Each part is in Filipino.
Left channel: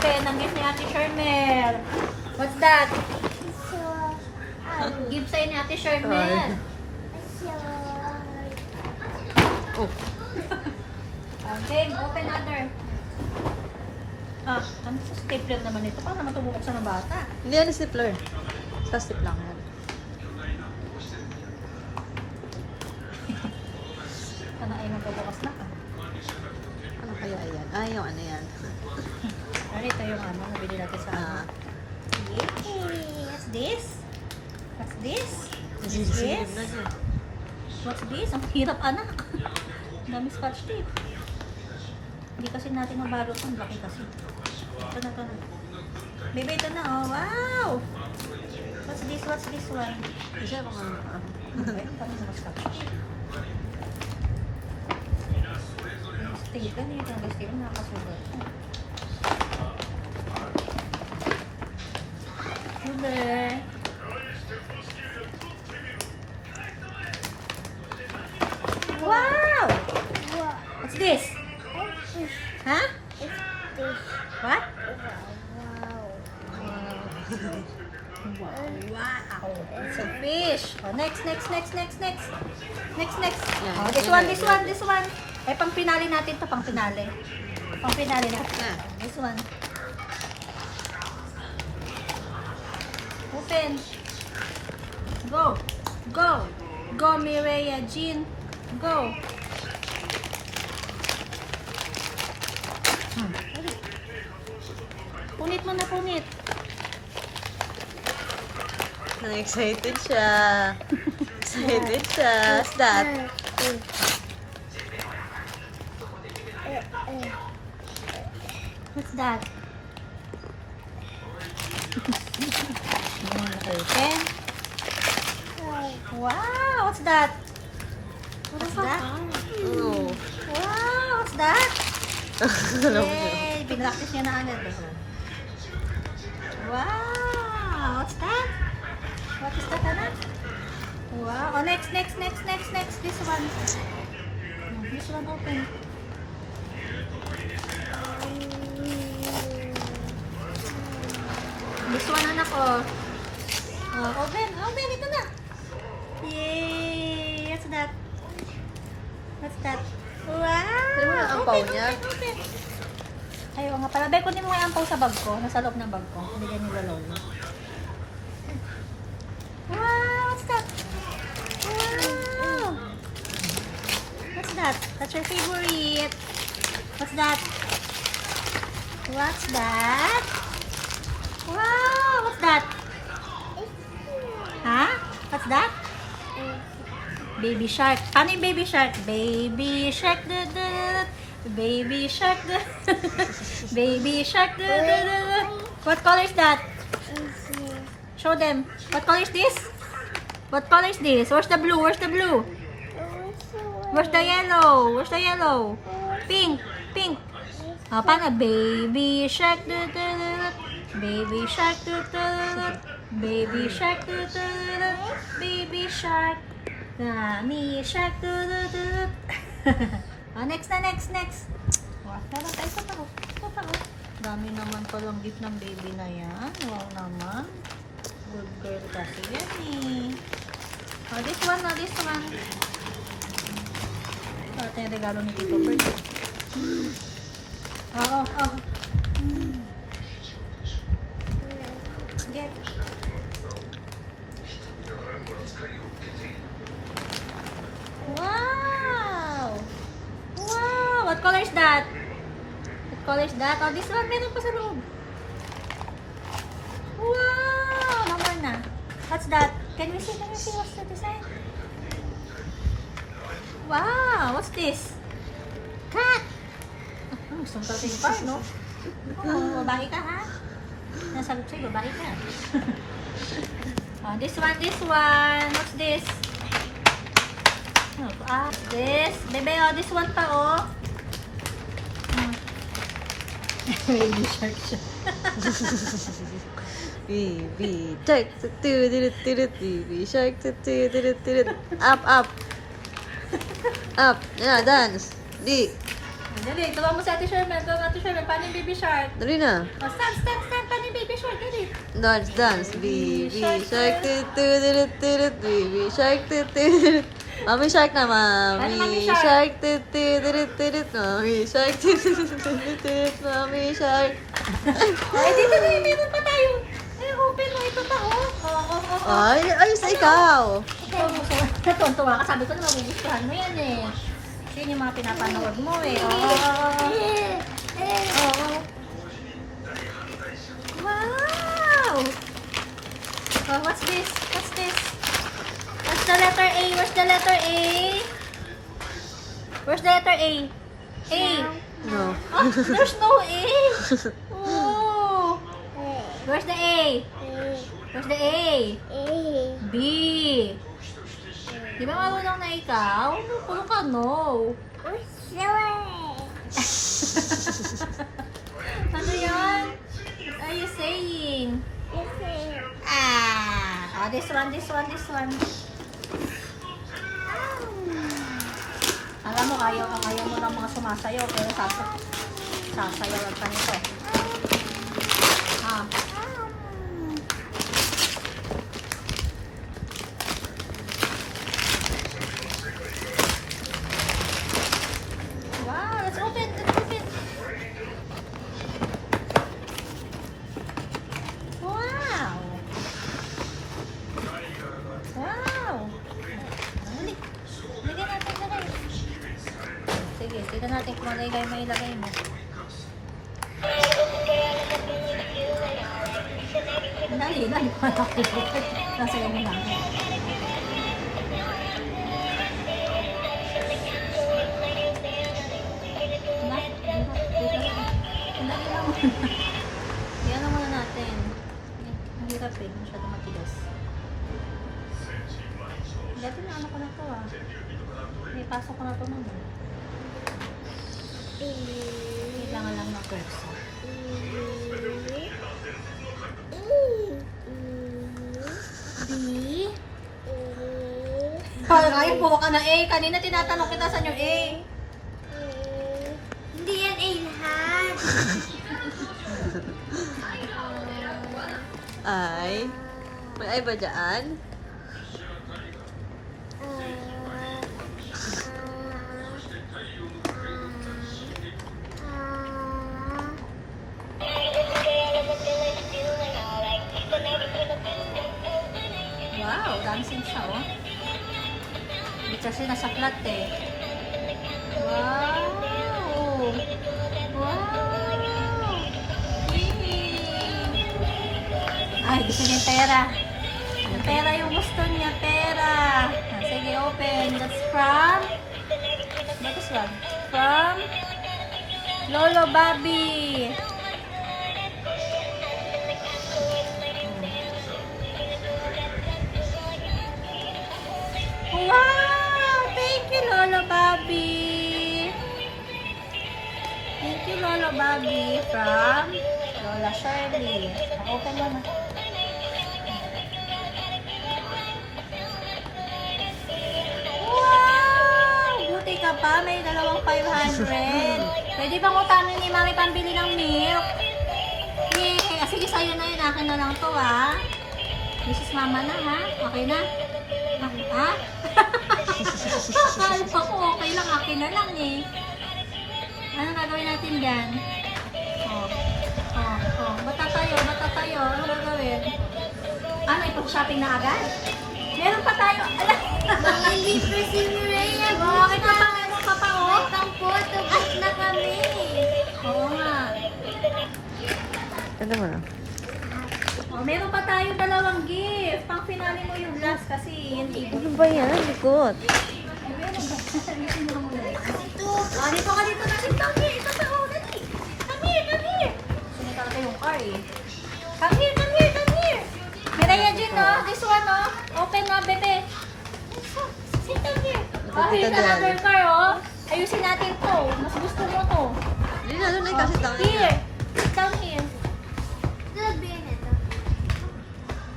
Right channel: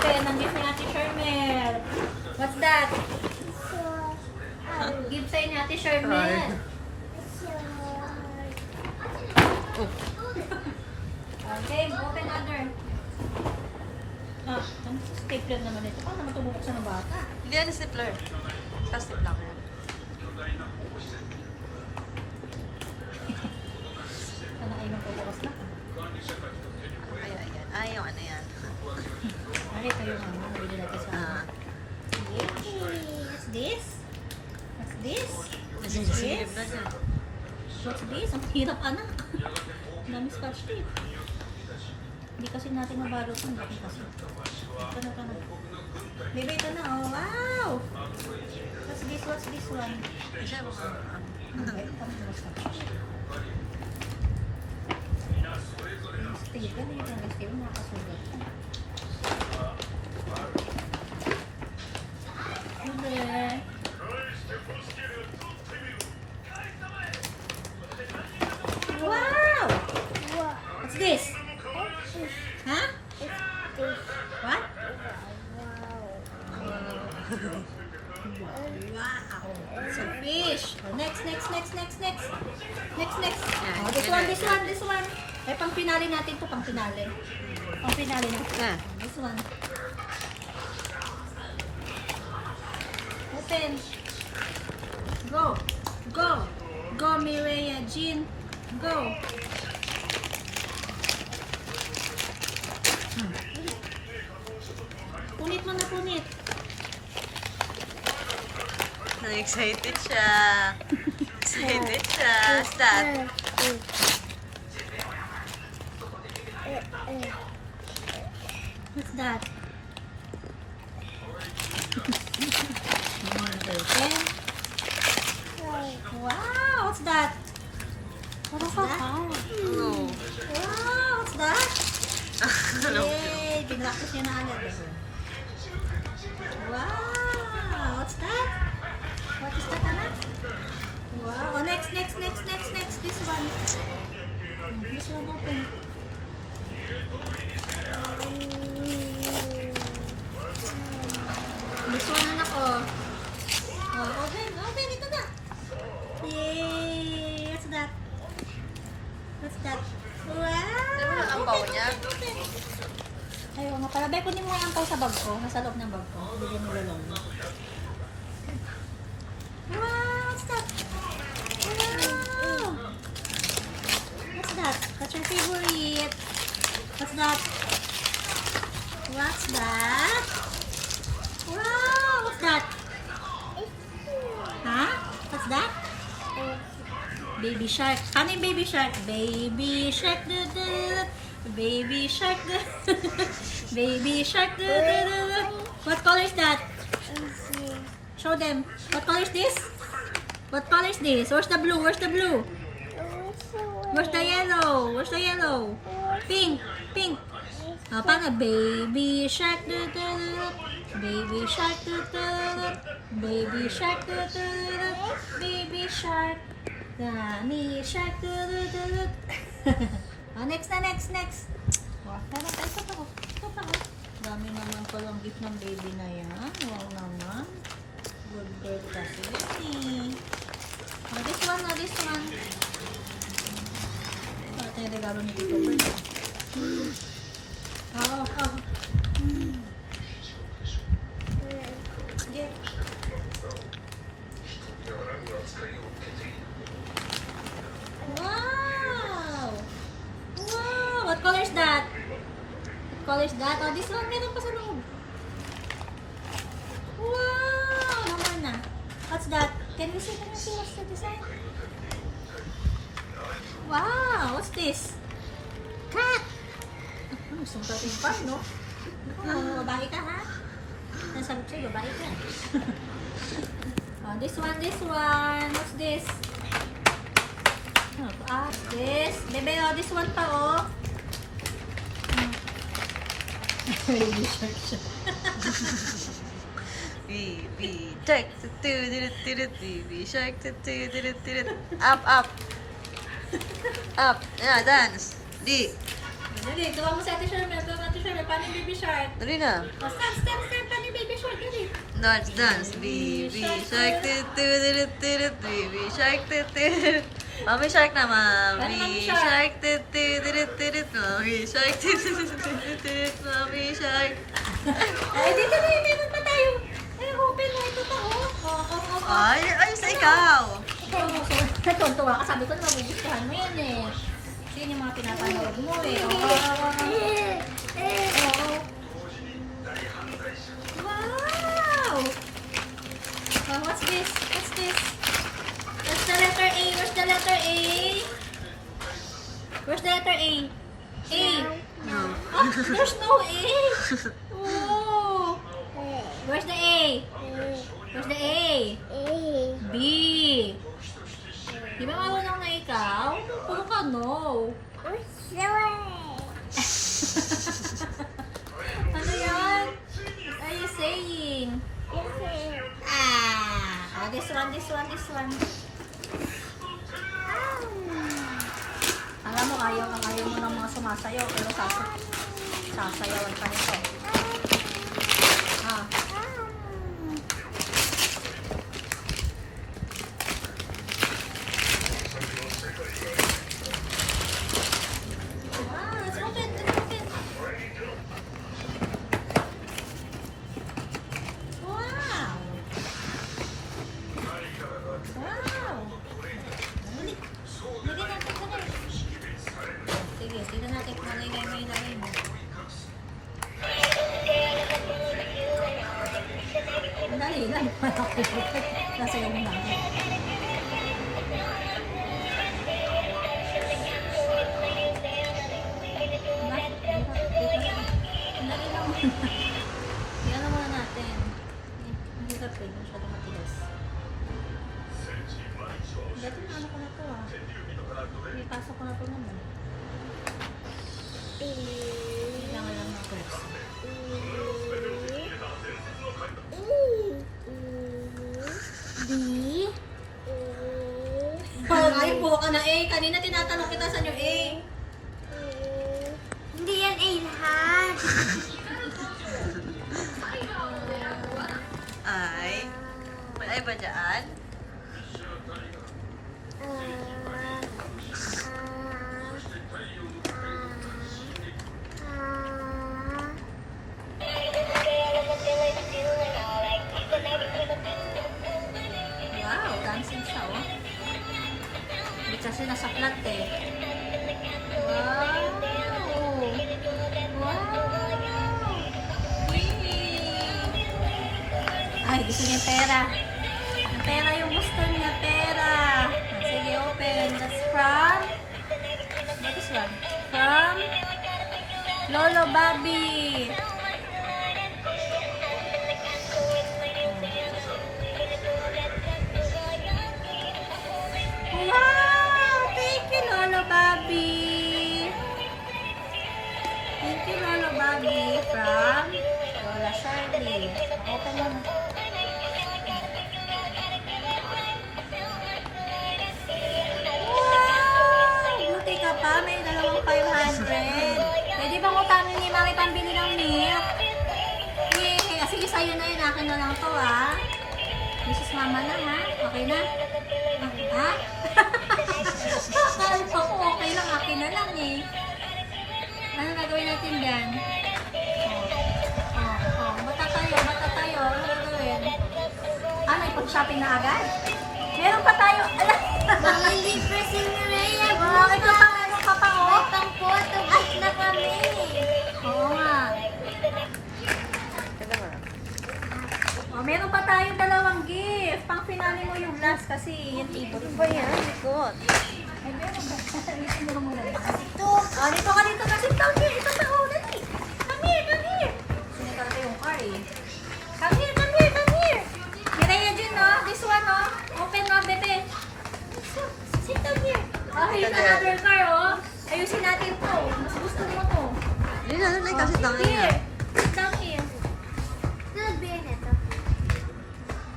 Open ang gift ni Ate Sharmel. What's that? Gift sa'yo ni Ate Sharmel. Oh. Okay, open other. Ano sa stapler naman ito? Paano naman tumubuksan ng bata? Hindi yan stapler. Sa stapler lang. Ano ay magpabukas na ka? Ayan. Yung ano yan. Narito yung ano, nabili natin sa ano. Yay! What's this? What's this? Nasisilip na dyan. What's this? Ang hirap anak. Ang dami scotch tape. Hindi kasi natin mabalot. Ang laki kasi. Ito na. Baby, ito na oh. Wow! What's this? What's this one? Kasi mga... Okay, kami na scotch tape. Tape ka niya. Tapos tape nakakasulat. Hello. Wow! What's this? Huh? What? Wow! It's a fish. Oh, next. Oh, this one. Ay, pang pinali natin to, pang pinali. Pang pinali natin. Ah. This one. Open. Go, Mireya Jean. Go. Punit mo na, punit. Excited siya. Excited siya. What's that? What's that? Open. Wow, what's that? What's that? Oh. Wow, what's that? Yay! Pinractice niya na agad. Wow! What's that? What is that, anak? Wow! Oh, next. This one. This one open. This one, anak, oh. Oh, open. Ito na. Yay! What's that? Wow! Open. Ayaw nga pala. Bay, kunin mo yung ampaw sa bag ko. Nasa loob ng bag ko. Hindi ganyan nilalong. Wow! What's that? Wow! What's that? That's your favorite. What's that? Wow! What's that? Huh? What's that? Baby shark. Paano yung baby shark? Baby shark. Baby shark. Baby shark. What color is that? Show them. What color is this? Where's the blue? Where's the yellow? Pink. Paano? Baby shark. Baby shark. Baby shark. Mommy shark. Next. Wow, meron tayo ito pa. Dami naman palang gift ng baby na yan. Wow naman. Good girl kasi yan eh. Oh, this one. Ito yung regalo ni Tito Bert. Oh. Get. Wow! What color is that? Oh, this one meron pa sa loob. Wow! Mama na. What's that? Can you see what's the design? Wow! What's this? Cat! Gusto mo tayo pa, no? Oh, babae ka, ha? Nasagot sa'yo, babae ka. Oh, this one. What's this? This. Bebe, oh, this one pa, oh. Baby shark siya. Baby shark. Baby shark. Up. Yeah, dance. Di. Dali, tuwa mo si Ate Sherman. Tuwa mo Ate Sherman. Paano yung baby shark? Dali na. Oh, stand, stand, stand. Paano yung baby shark? Dali. Dance, dance. Baby shark, tut-tut-tut-tut. Baby shark, tut-tut-tut. Mommy shark na, Paano mommy mommy shark, shark? tut-tut-tut-tut. Mommy shark, tut-tut-tut-tut. Mommy shark. Ay, dito na. Meron pa tayo. Ay, open na. Ito pa, oh. Ay, ay, sa ikaw. Ikaw, natuwa ka. Sabi ko na mabugustuhan mo yan eh. Yun yung mga pinapanood mo eh. Wow! Oh, what's this? What's this? What's the letter A? Where's the letter A? Where's the letter A? A. No. Oh, there's no A. Oh. Where's the A? Where's the A? B. Di ba marunong na ikaw? Puro ka no. Ano yan? What are you saying? Ah, oh, this one. Alam mo, ayaw mo ng mga sumasayaw, pero sasayawan pa nito. Ah. Wow, let's open. Wow. Dali. Lagyan natin. Sige, tignan natin kung ano may ilagay mo. Dali. Nasaya mo lang. Tignan muna natin. Ang hirap eh, masyado matigas. Dati na ano ko na to ah. May pasok ko na to naman. Kailangan lang ng kursa. B. Parang ayaw po ka na A. Kanina tinatanong kita sa inyo A. Hindi yan A lahat. Ay. May ay ba dyan? Wow, dancing siya oh. Hindi kasi nasa flat eh. Wow! Ay, gusto niya yung pera. Yung pera yung gusto niya, pera. Sige, open. That's from... What is one? From... Lolo Bobby. Wow! Thank you, Lolo Bobby. Thank you, Lolo Bobby. From Lola Shirley. Open mo na. Wow! Buti ka pa. May dalawang 500. Pwede bang utangin ni Mami pambili ng milk? Yay! Sige, sa'yo na yun. Akin na lang to, ha? This is mama na, ha? Okay na? Ha? Akala ko okay lang. Akin na lang, eh. Ano gagawin natin dyan? Bata tayo. Ano gagawin? Ano, ipag-shopping na agad? Meron pa tayo. Ala! Mga libre si Mireya. Ito pa, meron pa pa, oh. Ang photo booth na kami. Oo nga. Ano mo na? Oh, meron pa tayong dalawang gift. Pang finale mo yung last kasi yung table. Ano ba yan? Good. Dito ka dito kasi. Come here. Ito pa, oh, dali. Come here. Sino talaga yung car, eh. Come here. Mireya Jun, no? This one, no? Open mo, bebe. Sit down here. Oh, here's another car, oh. Ayusin natin to. Mas gusto mo to. Hindi na, doon ay kasi tangin na. Here. Sit down here. Nagbiyan ito.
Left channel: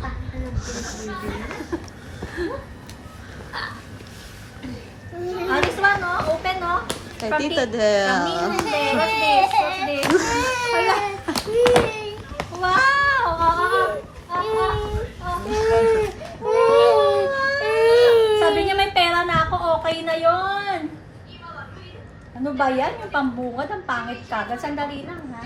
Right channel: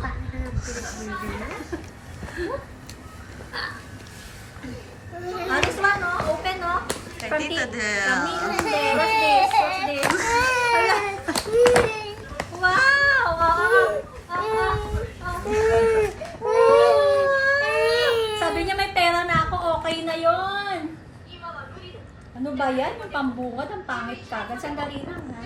Paano ka nagbiyan? Oh, this one, no? Open, no? Kay From Tita From Del. Ninong Del. What's this? What's this? Hala. Wow! Sabi niya may pera na ako, okay na yon. Ano ba yan? Yung pambungad, ang pangit kagad. Sandali lang, ha?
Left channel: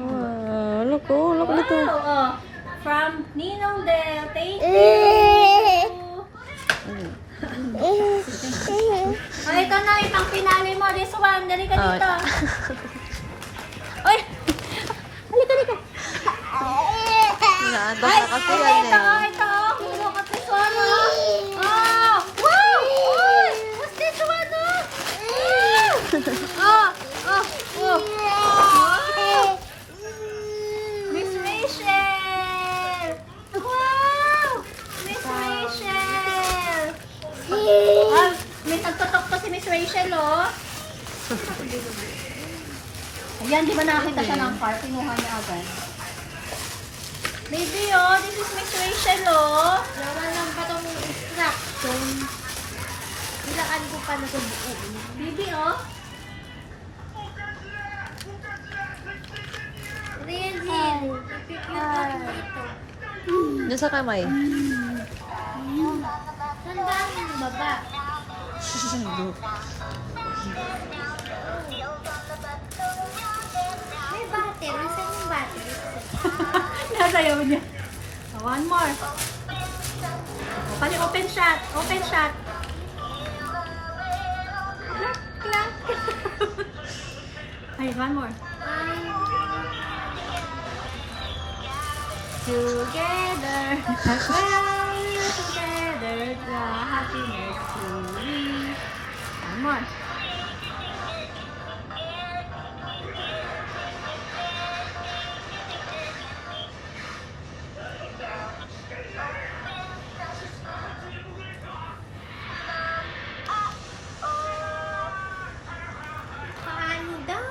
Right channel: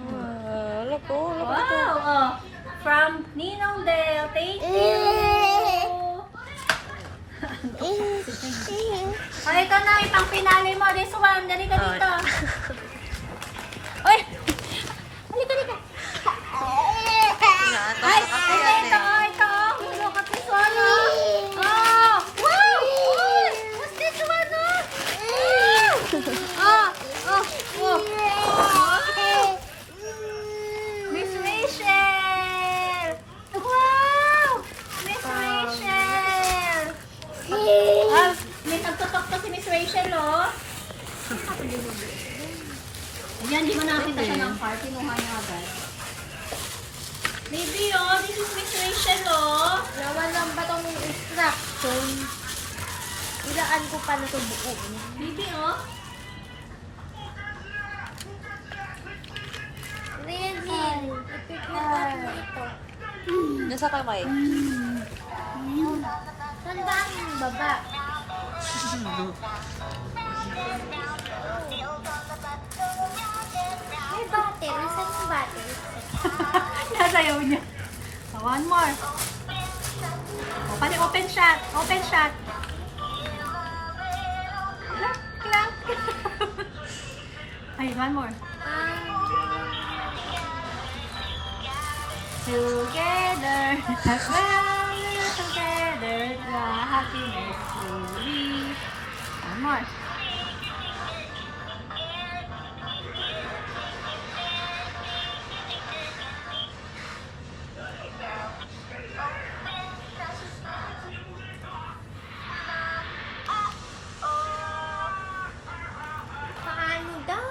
Ano ko? Wow! Oh. From Ninong Del. Thank you! Oh, ito na, itang pinali mo. This one, dali ka dito. Ay! Halika, halika. Ay, ito. Look at this one, oh. Oh, wow! Oh, what's this one, oh? Oh. Wow! Miss Rachel! Wow! Miss Rachel! Ah, may nagtutok pa si Miss Rachel, oh. Ayan, di ba nakita siya ng car? Kinuha niya agad. Baby, oh, this is Miss Rachel, oh. Laman lang ba itong instruction? Ilaan ko pa na ito buo. Baby, oh. Really? Ipipilitan mo ito. Doon sa kamay. Saan ba ang baba? May battery. Saan yung battery? Nasayaw niya. Oh, one more. Oh, pali open shot. Open shot. Clap, clap. Ay, one more. Together, well, together, the happiness to be. One more. Paano daw?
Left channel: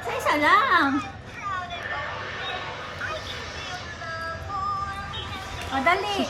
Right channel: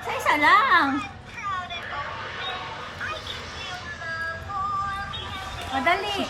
Sa isa lang. O, dali.